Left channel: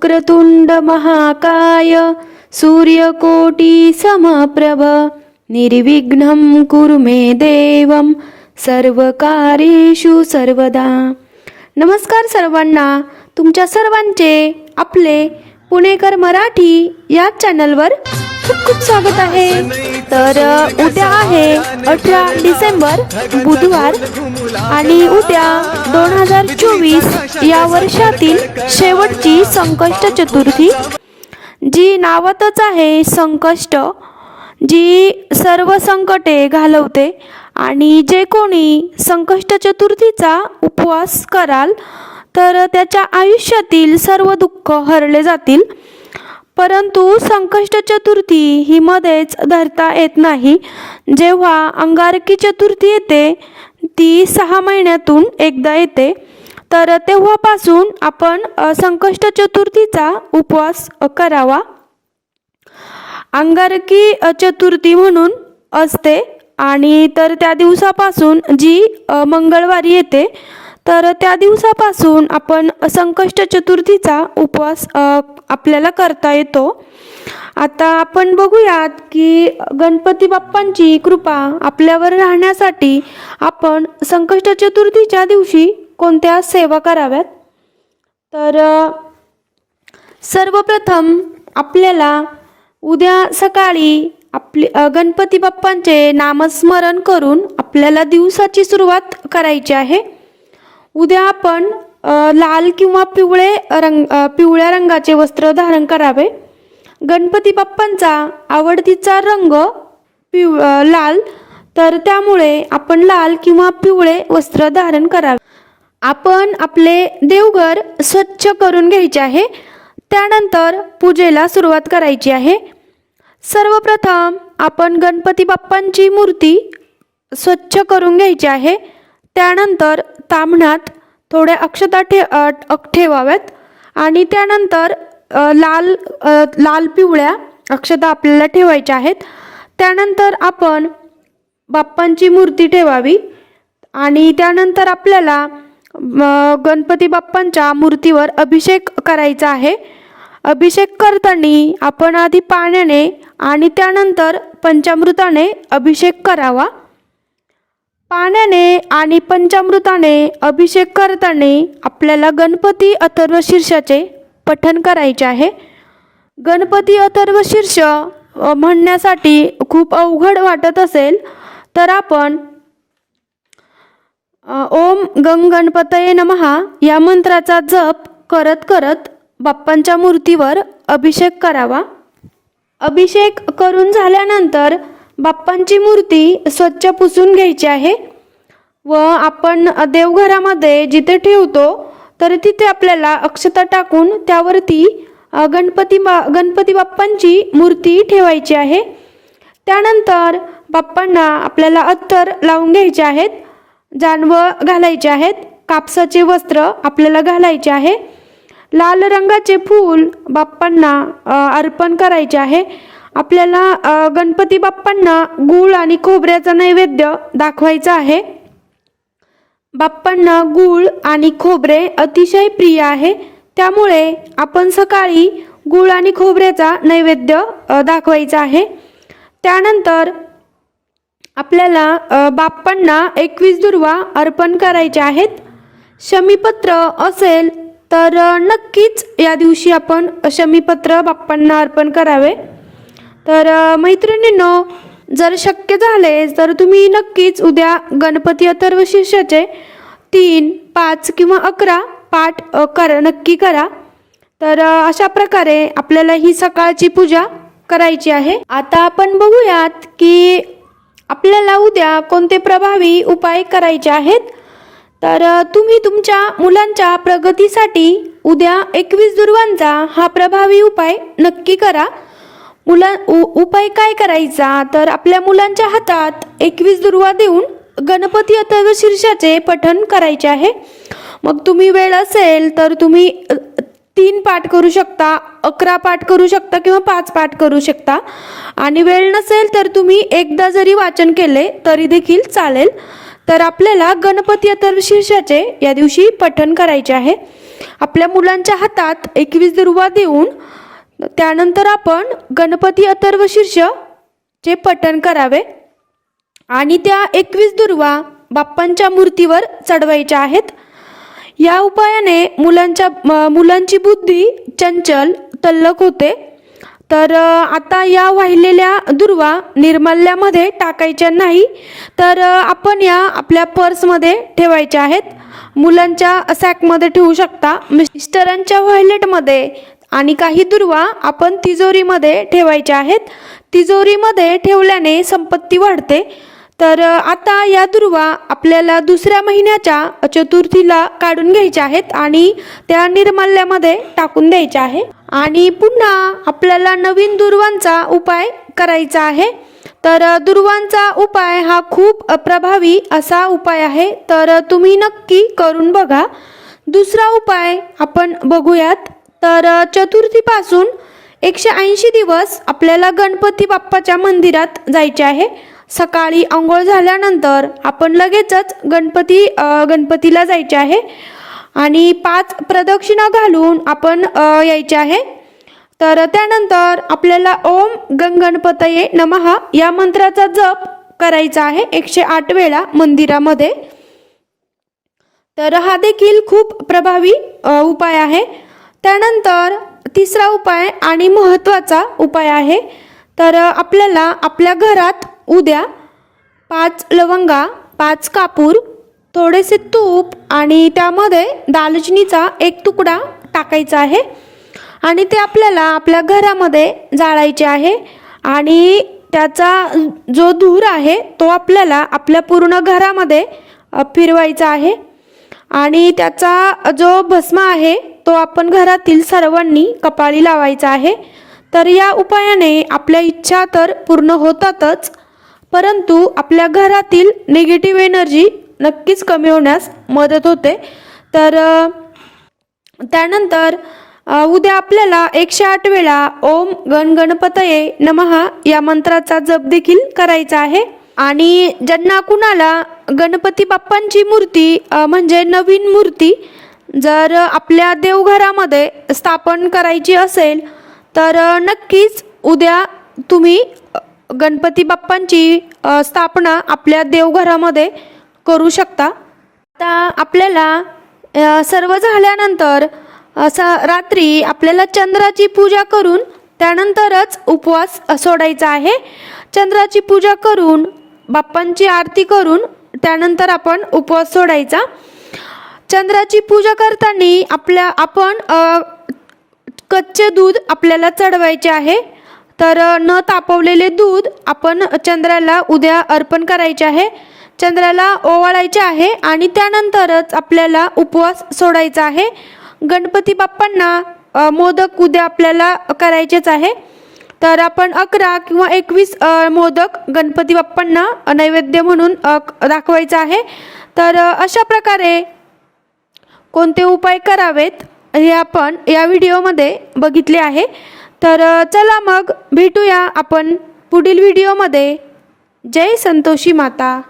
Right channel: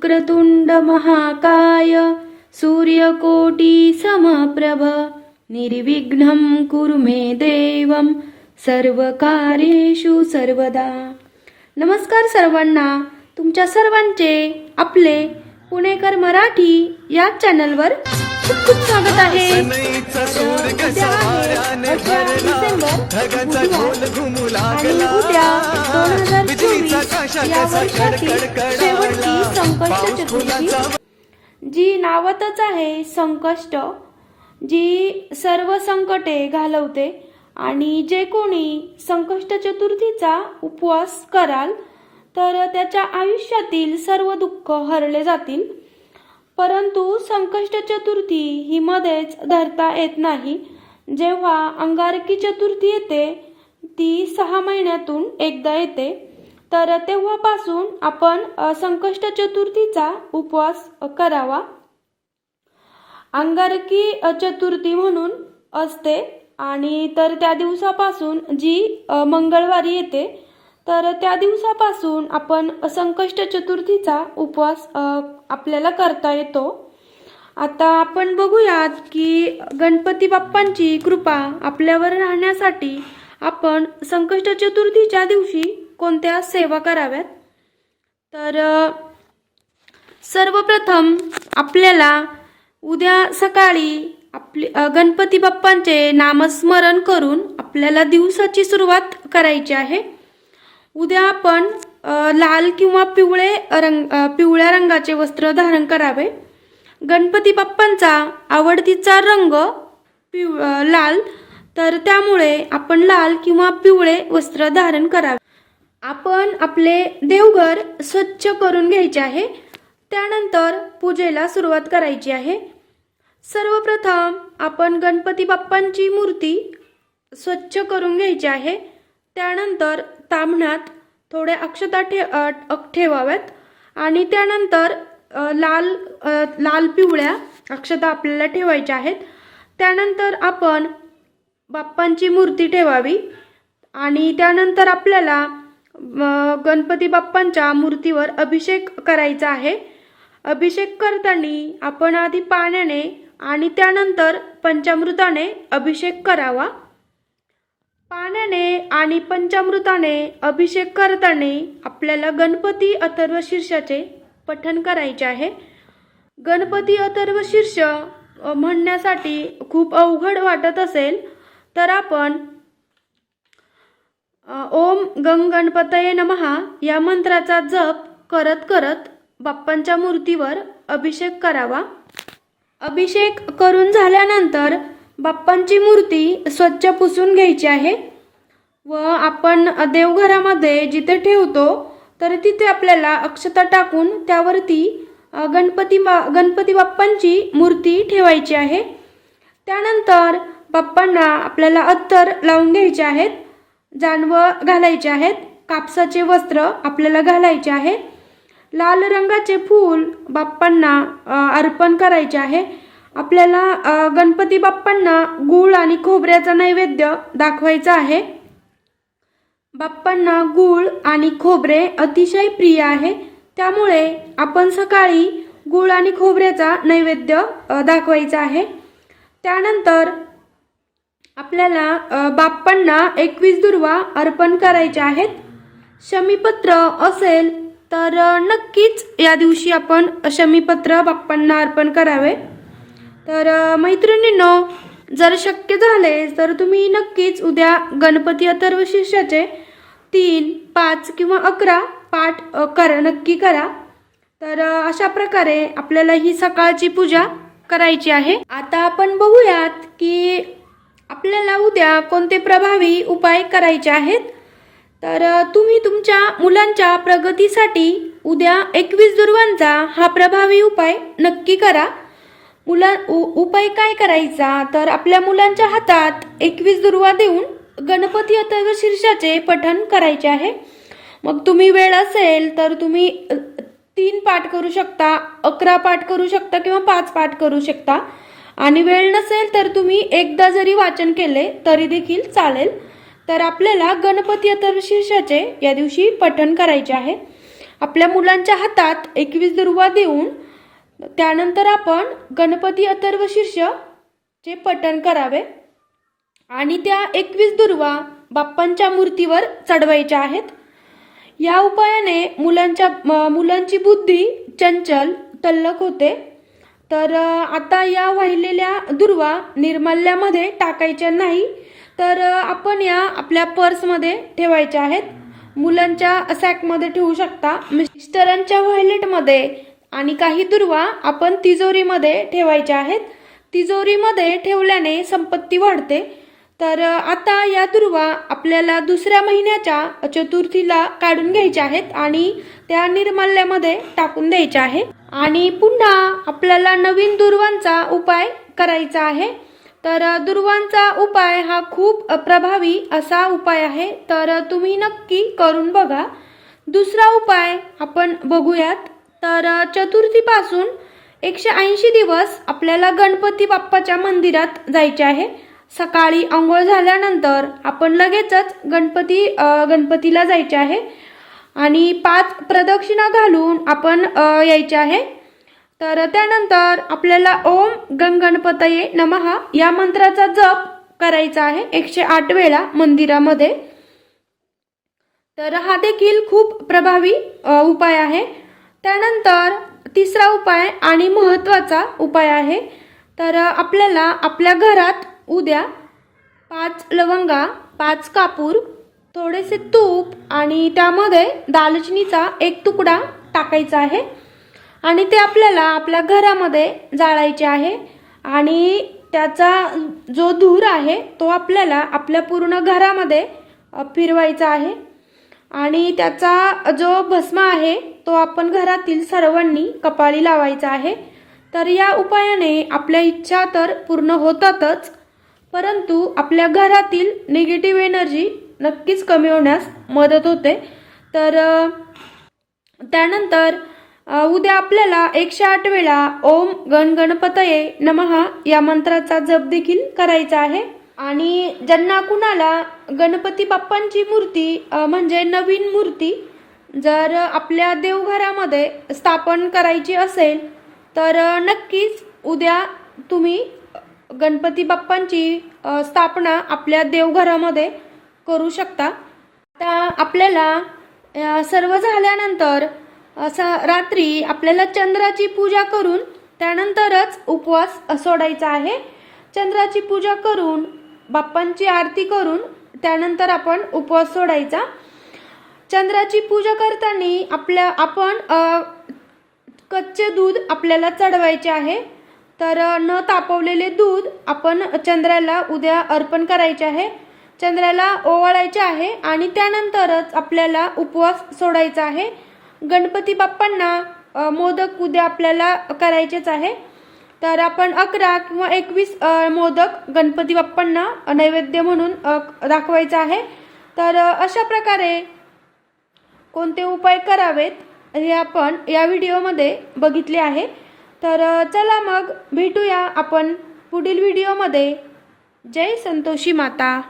वक्रतुंड महाकाय सूर्यकोटी समप्रभ निर्विघ्नं कुरु मे देवं सर्वकारेषु सर्वदा। नमस्कार सर्वांना तुमच्या सर्वांचे आपले पुणेकर मराठी या चॅनलवर खूप खूप स्वागत आहे. तर उद्या आहे अठरा डिसेंबर बुधवार. आणि उद्या दोन हजार चोवीस या वर्षातील शेवटची संकष्ट चतुर्थी. जी नावातच आहे संकष्ट जी सर्व संकटे घालवते आणि जे कोणी संकष्ट चतुर्थीचा उपवास कराल तर त्याच्या आयुष्यातील सर्व दुःख हरले जातील. परंतु संकष्ट चतुर्थी ही मध्येच धरता येत नाही. जेव्हा अंगारकी चतुर्थी येते ती सहा महिन्यातून एकदा येते. तर तेव्हापासून आपण संकष्ट चतुर्थीचा उपवास करावा. अंगारकी चतुर्थी म्हणून असते आणि तर त्या दिवसापासून जी मंगळवारी येते तर त्या दिवसापासून आपण संकष्ट चतुर्थीचा उपवास आपल्याला करता येतो. आता आपण बघूयात की गणपती बाप्पांची कृपा आपल्यावर राहण्यासाठी आपण संकष्ट चतुर्थीच्या दिवशी कोणत्या सेवा कराव्यात? तर सर्वप्रथम आपल्याला उद्या सकाळी आपले गणपती बाप्पांचे नामस्मरण करून आपल्याला दिवसाची सुरुवात करायची आहे. उद्या आपण लाल किंवा पिवळे रंग पिवळ्या रंगाचे वस्त्र धारण करावे. गणपती बाप्पांचा आवडतीचा रंग पिव लाल तर त्यामुळे आपण लाल किंवा पिवळे वस्त्र धारण करावे. आपण आपले देवघर स्वच्छ करून घ्यायचे आहे. त्यानंतर पूजेला सुरुवात करायची आहे. सर्वप्रथम आपण गणपती बाप्पांची मूर्ती स्वच्छ करून घ्यायची आहे. त्यानंतर ताम्हणात थोड्या अक्षता ठे ठेवाव्यात आणि त्यानंतर लाल लाल पिवळ्या अक्षता आपल्याला ठेवायच्या आहेत. त्यानंतर आपण बाप्पांची मूर्ती ठेवावी. आणि त्यानंतर आपल्याला गणपती बाप्पांच्या मूर्तीवर अभिषेक करायचा आहे. अभिषेक करताना आपण आधी पाण्याने आणि त्यानंतर पंचामृताने अभिषेक करावा. पाण्याने आणि पंचामृताने अभिषेक करताना आपल्याला गणपती अथर्व शीर्षाचे पठन करायचे आहे. गणपती अथर्व शीर्ष म्हणण्यासाठी खूप अवघड वाटत असेल तर आपण ओम गम गणपतये नमहा या मंत्राचा जप करत करत बाप्पांच्या मूर्तीवर अभिषेक करावा. अभिषेक करून झाल्यानंतर बाप्पांची मूर्ती स्वच्छ पुसून घ्यायची आहे व आपण देवघरामध्ये जिथे ठेवतो तर तिथे आपल्याला अक्षता टाकून त्यावरती गणपती बा गणपती बाप्पांची मूर्ती ठेवायची आहे. त्यानंतर बाप्पांना आपल्याला अत्तर लावून घ्यायचे आहेत जानवं घालायचे आहेत कापसाचे वस्त्र आपल्याला घालायचे आहे. लाल रंगाचे फूल बाप्पांना अर्पण करायचे आहे. आपल्याला गणपती बाप्पांना गूळ आणि खोबऱ्याचा नैवेद्य दाखवायचा आहे. बाप्पांना गूळ आणि खोबरे अतिशय प्रिय आहे. त्यामुळे आपण सकाळी गूळ आणि खोबऱ्याचा नैवेद्य दाखवायचा आहे. त्यानंतर आपल्याला बाप्पांना एकवीस दुर्वा अर्पण करायच्या आहेत. शमीपत्र असेल तर नक्कीच या दिवशी आपण शमीपत्र बाप्पांना अर्पण करावे. तर मैत्रिणींनो जर शक्य झाले तर तुम्ही नक्कीच उद्या गणपती अथर्व तीन पाच किंवा अकरा पाठ कर नक्की करा. तर अशा प्रकारे आपल्याला ही सकाळची पूजा करायची आहे. आता आपण बघूयात की आपल्याला उद्या कोणते प्रभावी उपाय करायचे आहेत. तर तुम्ही तुमच्या मुलांच्या प्रगतीसाठी उद्या एकवीस दुर्वांचा हा प्रभावी उपाय नक्की करा. मुला उ- उपाय काय करायचा? तर आपल्या मुलांच्या हातात एकवीस दुर्वा देऊन गणपती अथर्व शीर्षाचे पठण करायचे आहे. मग तुम्ही वेळ असेल तर तुम्ही तीन पाठ करू शकता अकरा पाठ करू शकता किंवा पाच पाठ करू शकता. आणि वेळ नसेल तर तुम्ही एकदा जरी वाचन केले तरी देखील चालेल. तर आपल्याला गणपती अथर्व शीर्षाचे या दिवशी पठण करायचे आहे. आपल्या मुलांच्या हातात एकवीस दुर्वा देऊन त्यानंतर आपण गणपती अथर्व शीर्ष चे पठण करावे. आणि त्या एकवीस दुर्वा बाप्पांच्या मूर्तीवर चढवायच्या आहेत. या उपायाने मुलांच्या मुलांची बुद्धी चंचल तल्लक होते. तर आता या वाहिलेल्या दुर्वा निर्माल्यामध्ये टाकायच्या नाही तर आपण या आपल्या पर्समध्ये ठेवायच्या आहेत. मुलांच्या सॅकमध्ये ठेवू शकता. मिस्टरांच्या व्हायलेटमध्ये आणि काही दुर्वा आपण तिजोरीमध्ये ठेवायच्या आहेत. तिजोरीमध्ये ठेवल्याने संपत्ती वाढते. तर आता या दुर्वा आपल्याला दुसऱ्या महिन्याच्या चतुर्थीला काढून घ्यायच्या आहेत आणि त्या निर्माल्यामध्ये टाकून द्यायच्या आहे. आणि पुन्हा आपल्याला नवीन दुर्वांचा उपाय करायचा आहे. तर दुर्वांचा उपाय हा खूप प्रभावी असा उपाय आहे. तर तुम्ही नक्की करून बघा. दुसरा उपाय आपण बघूयात. तर चतुर्थीपासून एकशे ऐंशी दिवस आपल्याला गणपती बाप्पाच्या मंदिरात जायचे आहे. सकाळी आंघोळ झाल्यानंतर आपण लगेचच गणपती गणपतीला जायचे आहे. आणि पाच प्रदक्षिणा घालून आपण यायचे आहे. तर त्यानंतर आपल्याला ओम गण गणपतये नमः या मंत्राचा जप करायचा आहे एकशे आठ वेळा मंदिरामध्ये. तर हा देखील खूप प्रभावी उपाय आहे. त्यानंतर तिसरा उपाय आणि महत्त्वाचा उपाय आहे तर आपल्याला आपल्या घरात उद्या पाच लवंगा पाच कापूर थोडेसे तूप आणि त्यामध्ये दालचिनीचा एक तुकडा टाकायचा आहे. आणि ते आपल्याला आपल्या घरामध्ये जाळायचे आहे आणि त्याचा जो धूर आहे तो आपल्याला आपल्या पूर्ण घरामध्ये फिरवायचा आहे. आणि त्याचा जो भस्म आहे तो आपण घरातील सर्वांनी कपाळी लावायचा आहे. तर या उपायाने आपल्या इच्छा तर पूर्ण होतातच परंतु आपल्या घरातील निगेटिव्ह एनर्जी नक्कीच कमी होण्यास मदत होते. तर त्यानंतर उद्या आपल्याला एकशे आठ वेळा ओम गण गणपतये नमः या मंत्राचा जप देखील करायचा आहे. आणि ज्यांना कुणाला गणपती बाप्पांची मूर्ती म्हणजे नवीन मूर्ती जर आपल्या देवघरामध्ये स्थापन करायची असेल तर नक्कीच उद्या तुम्ही गणपती बाप्पांची स्थापना आपल्या देवघरामध्ये करू शकता. आता आपल्याला सर्व झाल्यानंतर असा रात्री आपल्याला चंद्राची पूजा करून त्यानंतरच उपवास सोडायचा आहे. चंद्राची पूजा करून बाप्पांची आरती करून त्यानंतर आपण उपवास सोडायचा. चंद्राची पूजा करताना आपल्या आपण कच्चे दूध आपल्याला चढवायचे आहे. तर न तापवलेले दूध आपण चंद्राला उद्या अर्पण करायचे आहे. चंद्राला ओवाळायचे आहे आणि त्यानंतरच आपल्याला उपवास सोडायचा आहे. गणपती बाप्पांना मोदक उद्या आपल्याला करायचेच आहे. तर आपण अकरा किंवा एकवीस मोदक गणपती बाप्पांना नैवेद्य म्हणून दाखवायचं दाखवायचा आहे. तर अशा प्रकारे कोणते उपाय करावेत हे आपण या व्हिडिओमध्ये बघितले आहे. तर चला मग भेटूया आपण पुढील व्हिडिओमध्ये. जय संतोषी माता.